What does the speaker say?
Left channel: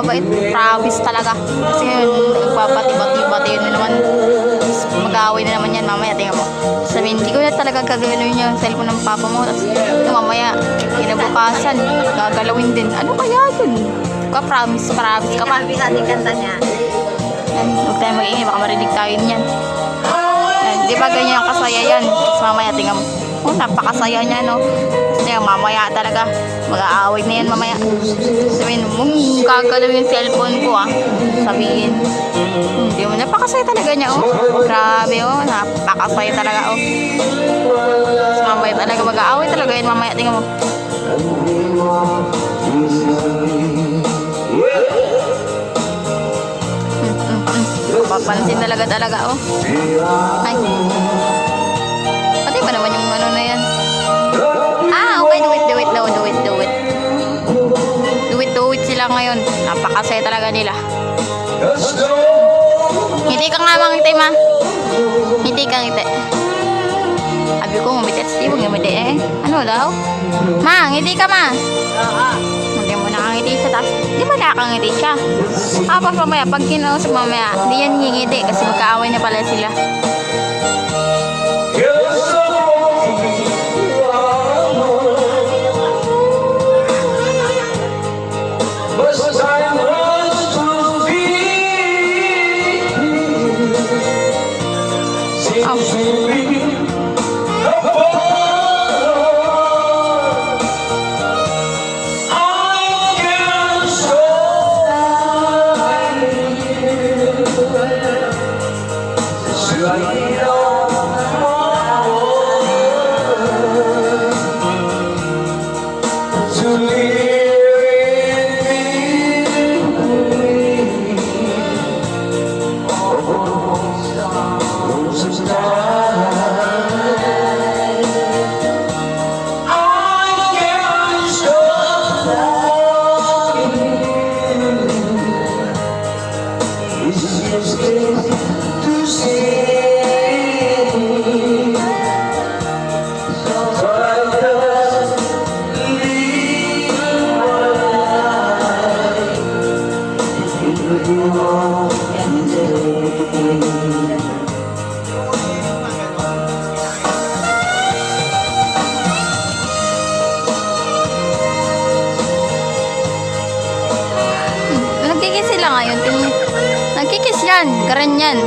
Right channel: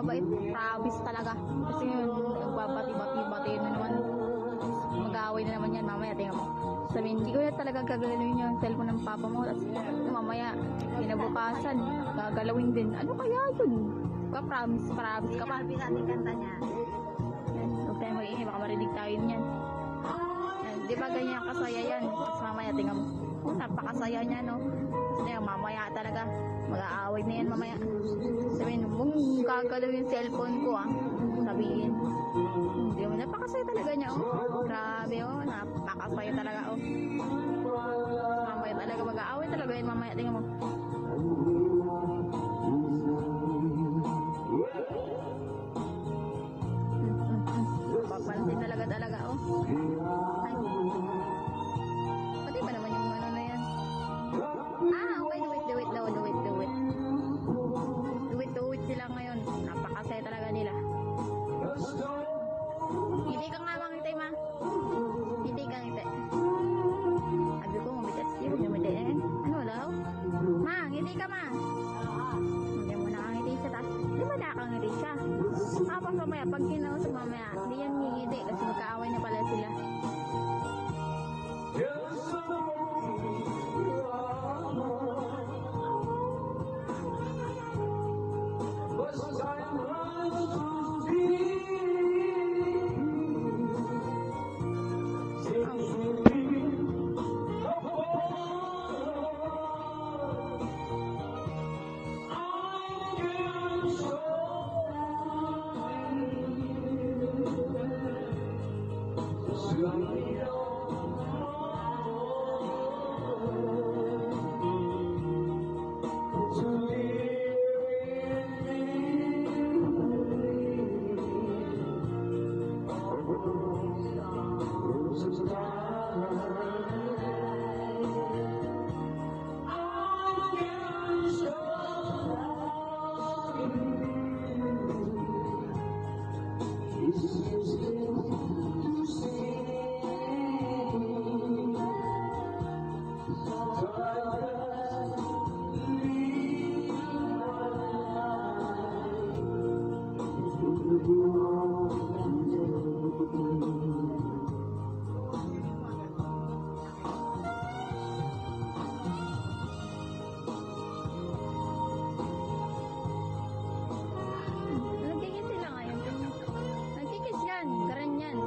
nagbabait. Promise talaga. Kasi ngayon, nagpapatibati-bati na naman. Mag-aaway na naman yan mamaya. Tingnan mo. Sabihin, hindi ko na talaga gagalawin yung cellphone ng papa mo. Tapos, yung mamaya, kinabukasan, gagalawin din. Ano kaya yun? Promise ka pa. Sabi sa ating kanta niya. Yan, huwag tayo mag-ingay, baka marinig tayo niyan. Yan, di ba ganyan kasaya yan? Tapos mamaya, tingnan mo. Oh, napakasaya niya, no? Kasi mamaya talaga, mag-aaway na yan mamaya. Sabihin, gagalawin yung cellphone ko, ah. Sabihin. Hindi mo, napakasaya talaga niya, oh. Grabe, oh. Napakasaya talaga, oh. Tapos mamaya talaga, mag-aaway talaga yan mamaya. Tingnan mo. Papansin talaga, oh. Ay. Pati ba naman yung ano na yan? Ah, okay. Do it. Do it sila ngayon. Napakasaya talaga nila. Ngiti ka nga, mangiti, ma. Ngiti ka, ngiti. Sabi ko, ngumiti. Hindi mo ngumiti, eh. Ano daw? Ma, ngiti ka, ma. Hindi mo nakangiti siya. Tapos, di ba nakangiti siya? Tapos mamaya, pag kinausap mamaya, hindi yan ngingiti kasi magkaaway na pala sila. Nagkikis sila ngayon. Nagkikis yan. Karen yan.